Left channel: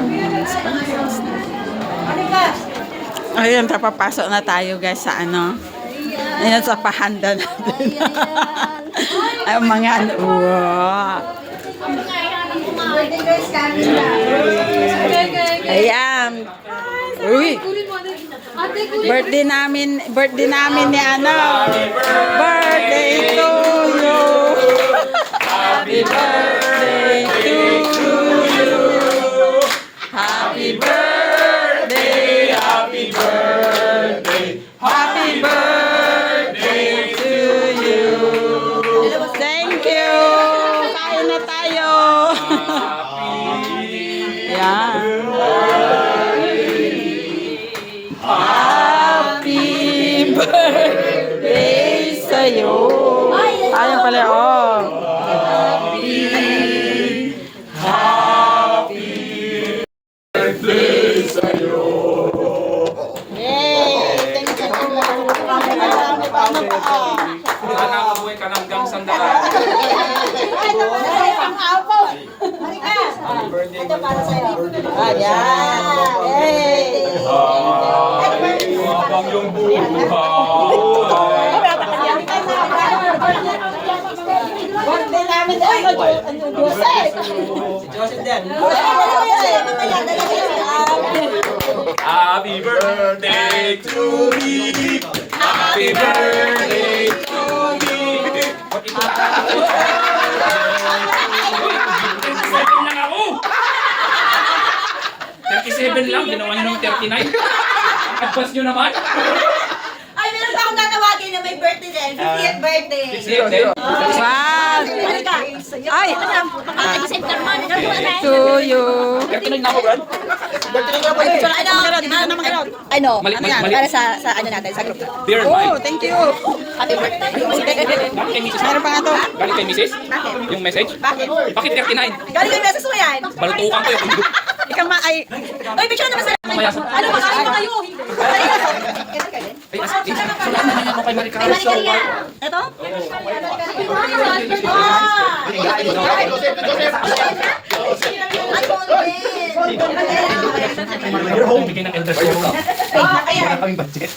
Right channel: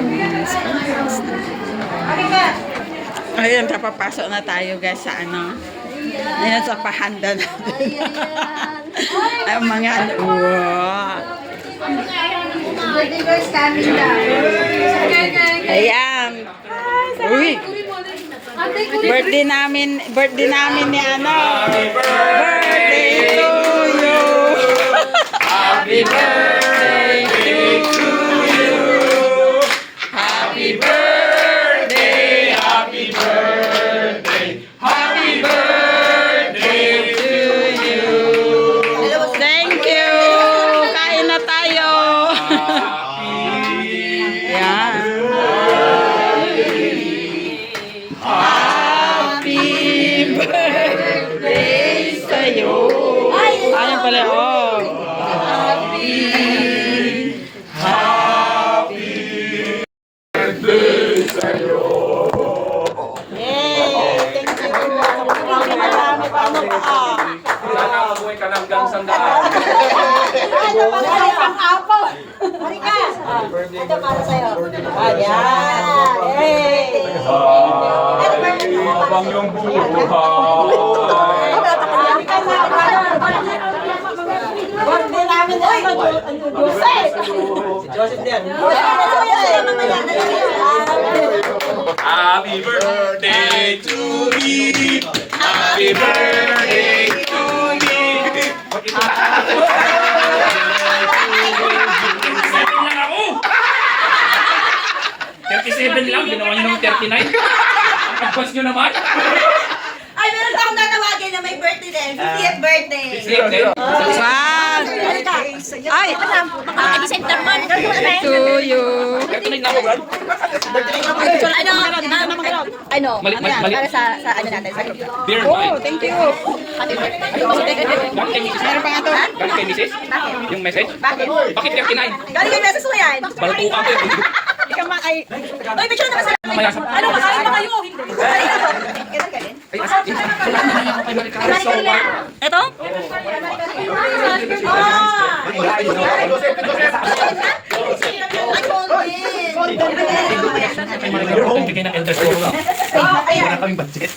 women's conference na. Ayun, papapasok na tayo guys sa ano. Ayan sa pahanda natin. Ay, mga ano. Wow. Ayan. Uy. Birthday namin ni ano. Birthday to you. Happy birthday to you. Happy birthday, happy birthday. Happy birthday to you. Thank you. Kain na tayo. Yan. Happy birthday sa'yo. Ayan pala, oh. Happy birthday sa'yo. Yay! Thank you. Marami pa ano pa. Nakakabuhay ka ng gang sandaan. Ay, pang-apo. Marikas. Ito para sa'yo. Ayan. Yay! Banglong buhay. Birthday namin ano, Joseph. Joseph din. Happy birthday to me. Happy birthday to me. Ito lang ako. 37 lang, ginawa niyo ng 39. Pagpas niyo naman. Ay, meron pa akong tatawagin na may birthday din. 50th birthday. Wow! Ay! To you. Ano? Mali- Para sa ano natin, sa group. Dear Oh, Mike. thank you. Happy birthday. Galing kay Mrs. Meron pa nga to. Galing kay Mrs. Yung message. Bakit 39? Galing yung message mo yan. Balutukan ko yun. Ikaw ma ay... Uy, picture naman sila. Ano, makain na kayo? Ito? Bigyan ng elder show. Wala kaming budget.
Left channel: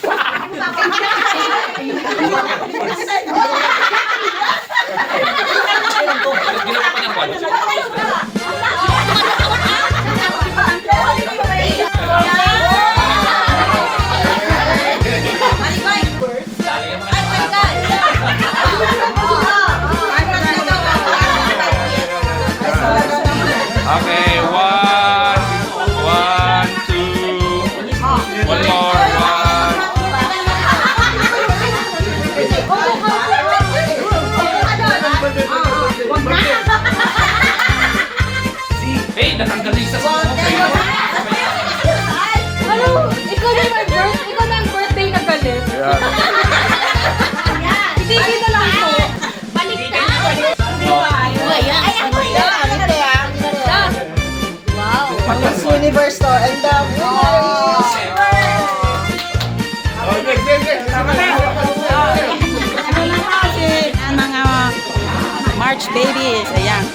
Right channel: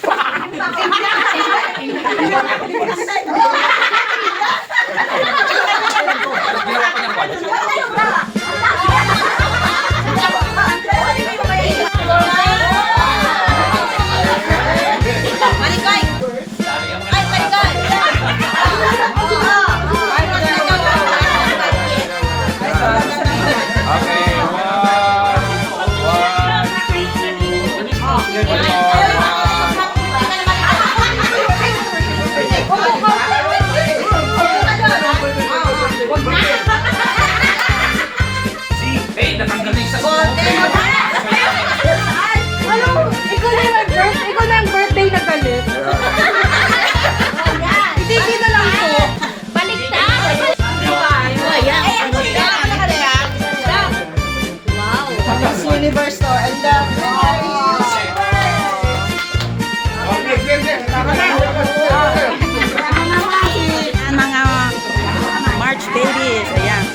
Okay, one, two. Hey, natanggal na isa. Ano? Ikaw na yung birthday na galit. Hindi kita lang to. Universe to. And the... Ang mga March babies. Ayan.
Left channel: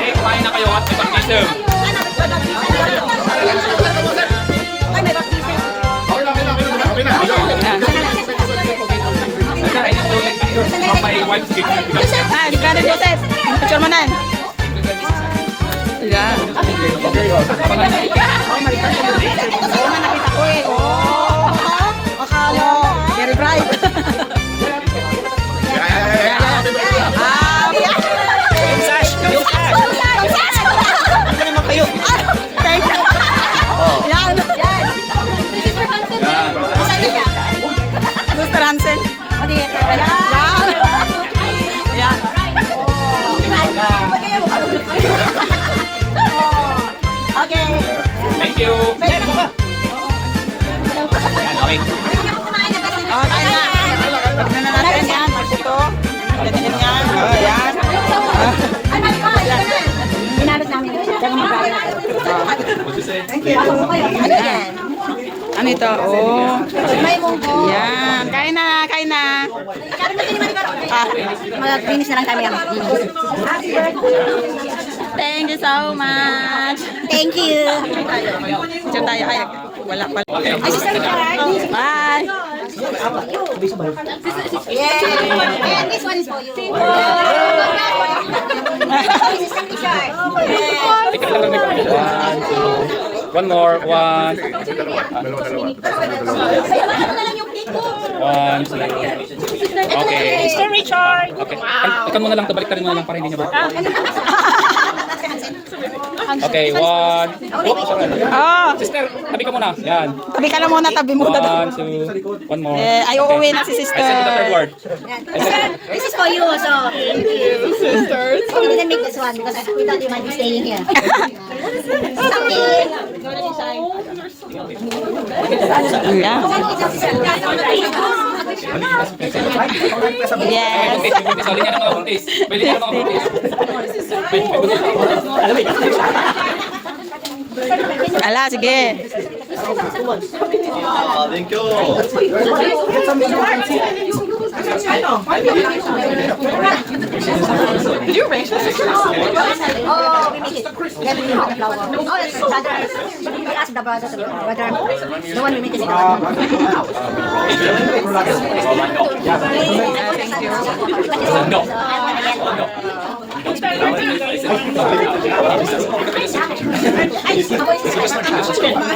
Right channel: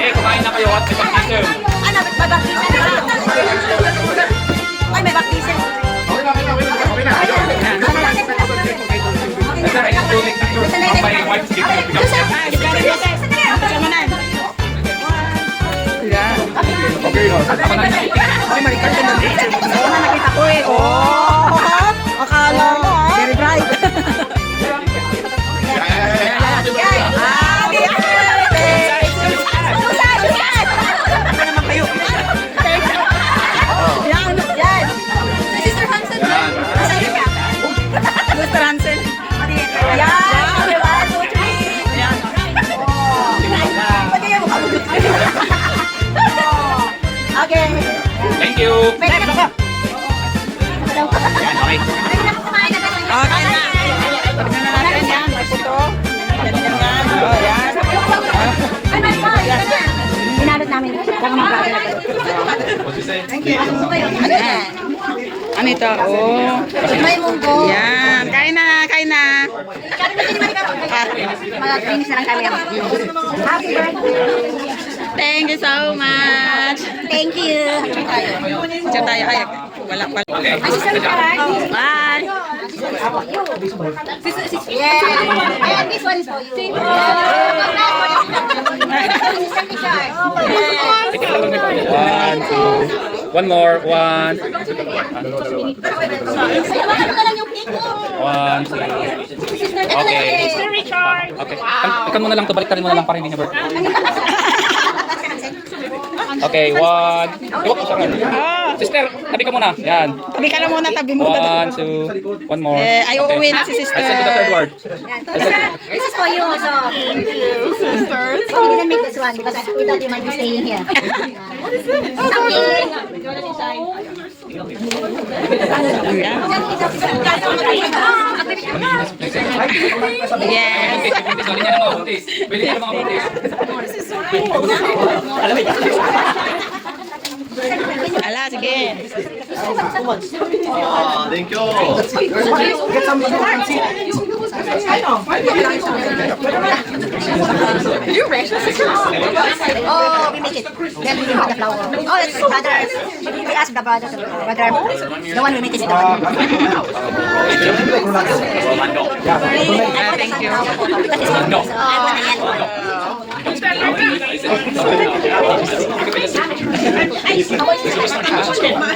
Eh, kumain na kayo at may baptism. Ay, may baptism. Ayan. Ito, ay, my wife's gift. Ah, di ka rin Joseph. Picture mo na. Ayan. Oo nga, nakita ko eh. Oh, akala. Very bright. Ayan, ayan. Ah, Ayan. Sister Hansen. Sabi niya. Gusto Hansen. Ayan. Ayan. Okay. Thank you. Yan, okay. Oh, kaya na. Tignan na natin yan. May puto. Ganyan yan. Oh, yan. Yan. Inabot namin. Yan. Ano ito? Oh. May munggo. Yan. Kain na, kain na. Sabi mo, hindi naman ikaw. Mag-finish na lang kami. Thank you so much. Thank you. Diyan tayo. Ay, wala pa. Ay, sister Richard. Bye. Yeah. And this one is for you. Sister Richard. One, two. One more. One. One, two. Okay. Sister Richard. Okay. Ikan mo na lang to. Balik ka rin mo na lang para hindi niya ba? Okay, one. Oh, sorry. Oh, Sister, tabi ka muna. Yan. tabi ka na muna, tabi muna. One, two. One more. Ay, uuwi na si I send you the third sister. word. This is for you also. Thank you, sisters. I didn't make this one because we thought you might be staying here. Yeah. Yes. Buntis, buntis. Pwede niya na mga buntis. Pwede niya na mga buntis. Ala, sige. Thank you. Oh, we make it. Then we have the flower. Oh, it's brother. We ask the brother. The one we make is the one. Thank you.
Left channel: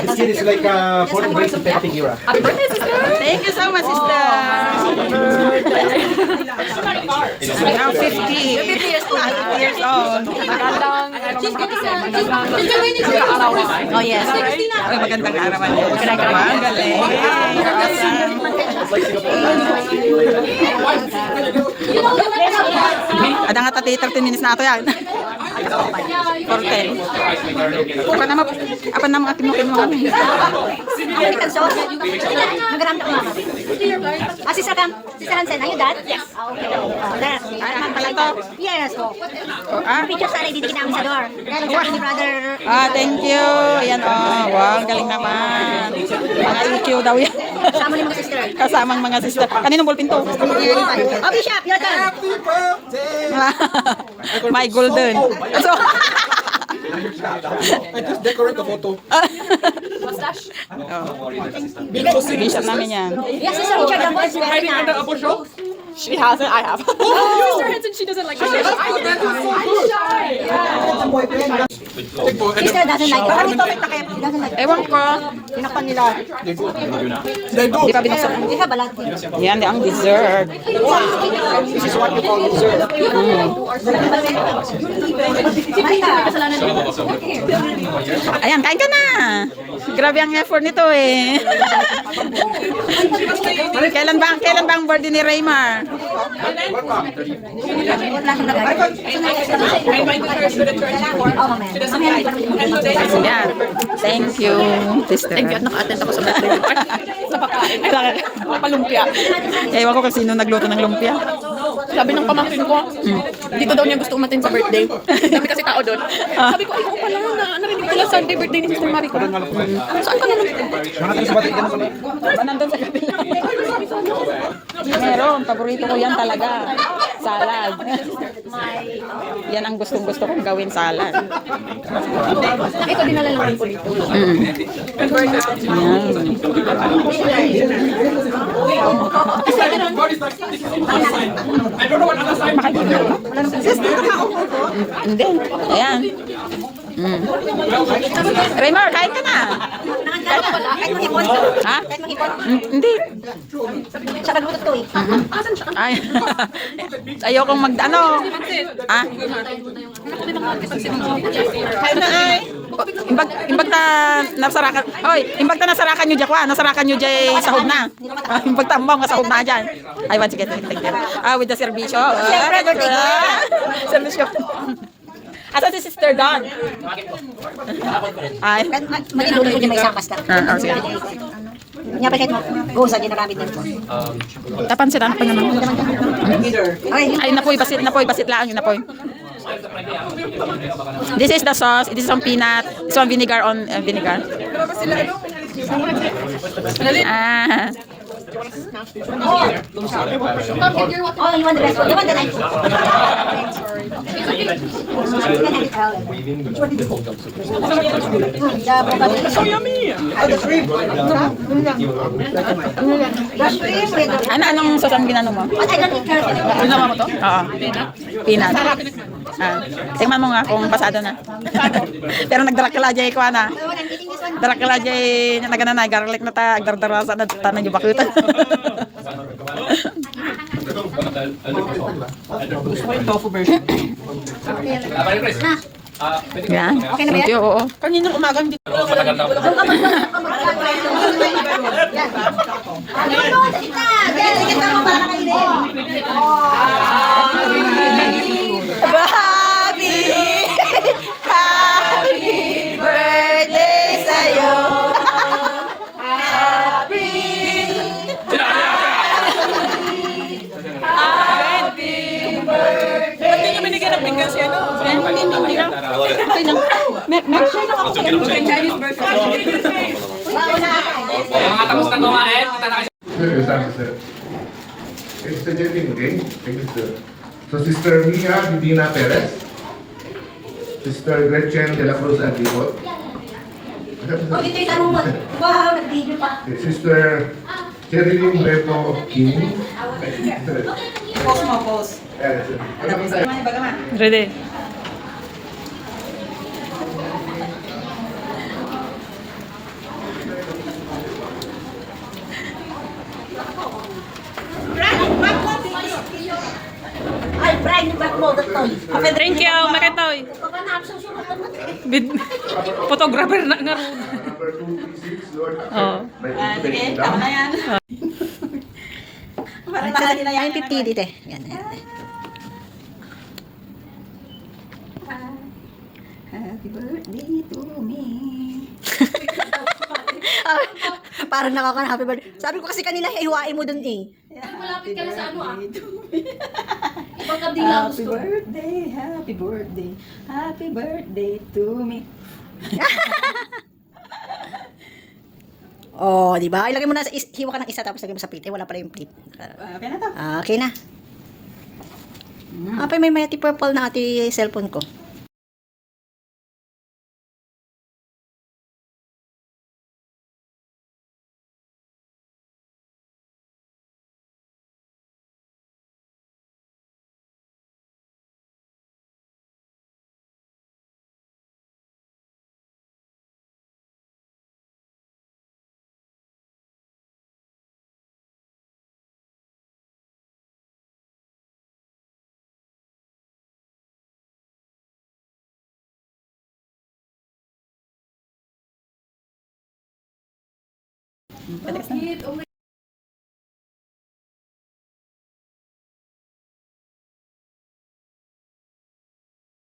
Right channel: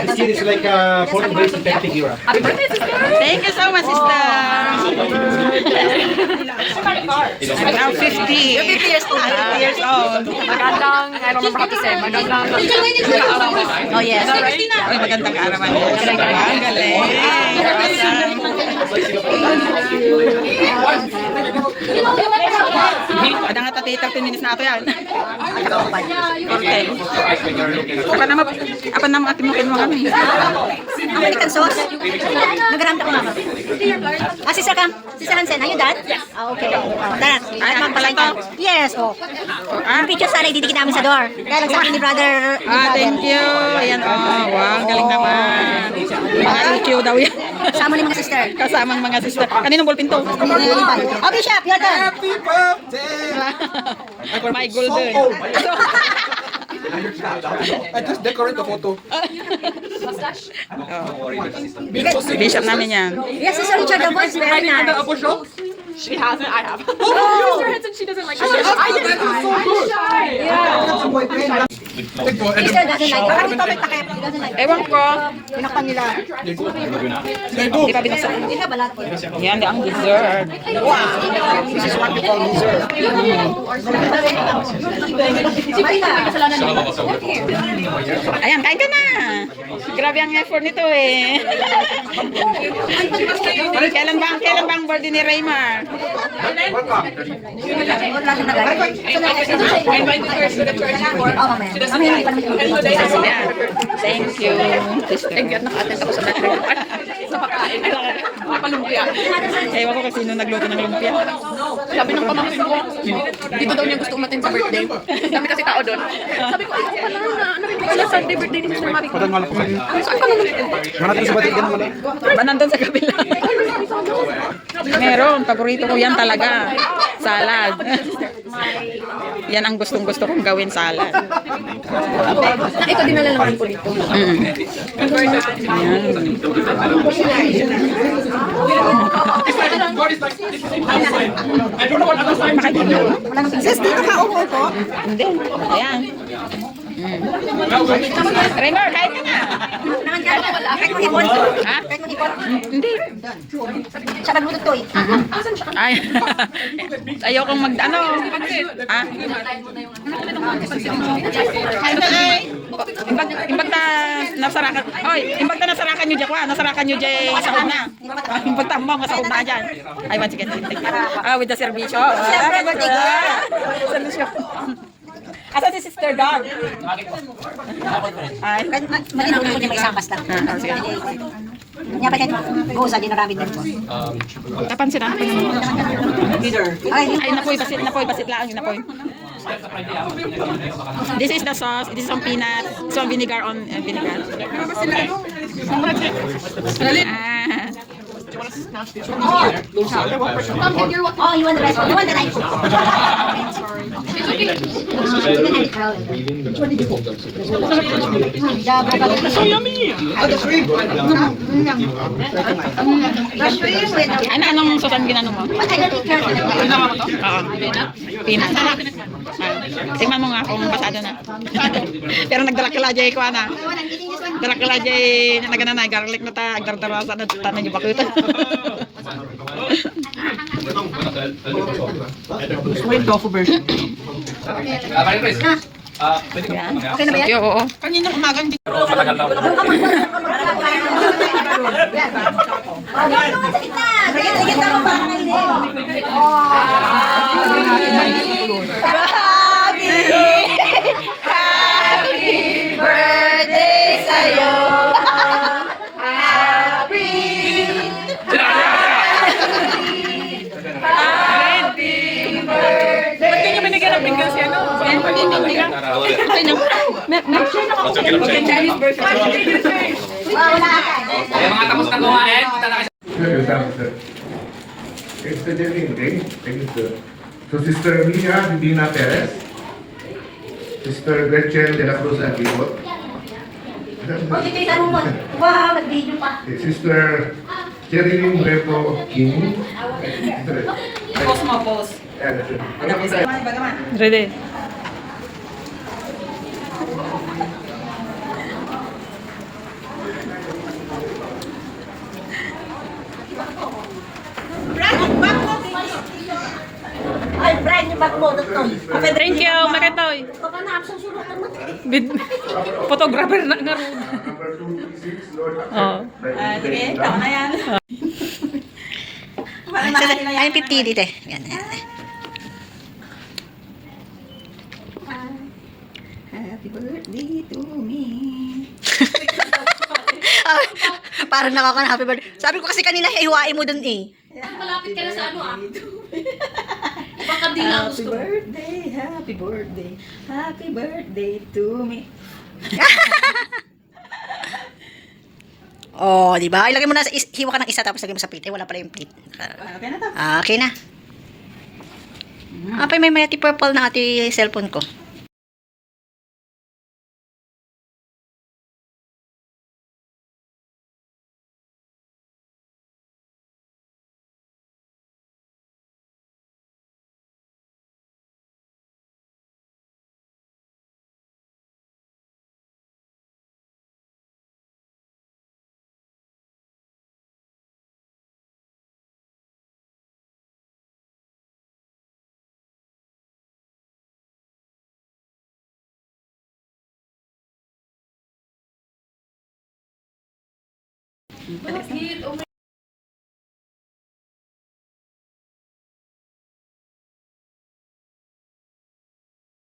This kid is like born and raised in Pepsi era. Thank you so much, sister. Now 50. 50 years old. Oh, yes. Uy, magandang arawan yan. Ang galing. You're awesome. Ada nga tati 30 minutes na ito yan. 40. Apa na mga tinukin mo kami? Ang baliktad sauce. Nagaramdam ko, mama. Ah, Sister Cam. Sister Hansen, are you done? Yes. Okay. That. Ay, akin pala to. Yes, oh. Ah, Picture sana ididikit namin sa door. Dahil sabi ni brother. thank you. Ayan, oh. Wow, ang galing naman. Mga EQ daw yan. Sama ni mga sister. Kasamang mga sister. Kaninong ballpen to? Okay, Chef, you're done. My golden. So, I just decorate the photo. Bishop namin yan. Yes, Sister Richard, the voice very nice. She hasn't, I have. Sister doesn't like it. He doesn't like it. Ewan ko. Tinakpan nila. Di pa binuksan. We have a lot here. Yan, di ang dessert. This is what you call dessert. Ayan, kain ka na. Grabe ang effort nito eh. Kailan ba ang birthday ni Raymar? Ayan. Thank you, sister. Thank you at naka-attend ako sa birthday. Lumpia. Ewan ko kung sino nagluto ng lumpia. Sabi ng pamangkin ko, dito daw niya gusto umatin sa birthday. Dami kasi tao doon. Sabi ko, ay, wala na. Narinig ko na Sunday birthday ni Mr. Mariko. Saan ka naman? Ba nandun sa kabila? Meron. Paborito ko yan talaga. Salad. Yan ang gustong-gusto kong gawin, salad. Ito dinala naman ko dito. Makikita mo? Hindi. Ayan. Raymar, kain ka na. Ha? Hindi. Sa pagluto to eh. Ay. Ayokong ano. Ha? Imbag na nasarakan. Oy, imbag na nasarakan nyo dyan. Nasarakan nyo dyan sahod na. Imbag tambang nga sahod na dyan. Ay, once again, thank you. With the servisyo. Servisyo. Asa si Sister Dawn? Ay. Maging ulo ko niya may isang basta. Sige. Niya pa kahit buhusan niya karabit din. Tapansin pa naman. Ay, Ay, napoy, basit lang yung napoy. This is the sauce. This is some peanut. This one vinegar on vinegar. Oh, you want the best one? You want the nice one? So yummy. Anong sauce ang ginano mo? But I don't eat carrot. Oo. Peanut. Tingnan mo nga kung pasado na. Pero nagdrakila jay ko na. I'm eating this one. Drakila jay nagana na garlic na ta agdardarasa na tanang yung bakutan. Wait, tofu version. Yan. Okay na ba yan? Thank you, oo. Kaninang umaga hindi Pero matagal na ako. Ano, sakit na. Sige, tama para kayo. Ba't di nyo binigyan ng bigyan si ano? Chinese version. Kaya mga tapos na kumain, kita na kayo. It's the Jenny, okay? Thank you, sir. So, Sister Mia Medina Perez, Sister Gretchen de la Cruz Aguilot, Wow, nag-video pa. Sister Cherilyn Repo King. Pause mo, pause. Ano po tayo? Ready? Ay, Brian, yung backload at toy. Thank you, Makatoy. Papanapsang siya matamat. Photographer na nga rin. Number 236, Lord. Oo. Sige, tama na yan. Ay, 50 dito eh. Yan, yan. Happy birthday to me. Parang nakaka happy birthday. Sabi ko kasi kanina, hiwain mo dun eh. Malapit ka na sa ano ah. Baka di lang gusto. Happy birthday, happy birthday to me. Oh, di ba? Ilagay mo na, hiwa ka ng isa tapos lagay mo sa plate. Eh, wala pala yung plate. Okay na to. Okay na. Apay, may mighty purple na ati cellphone ko. Bakit? Oh my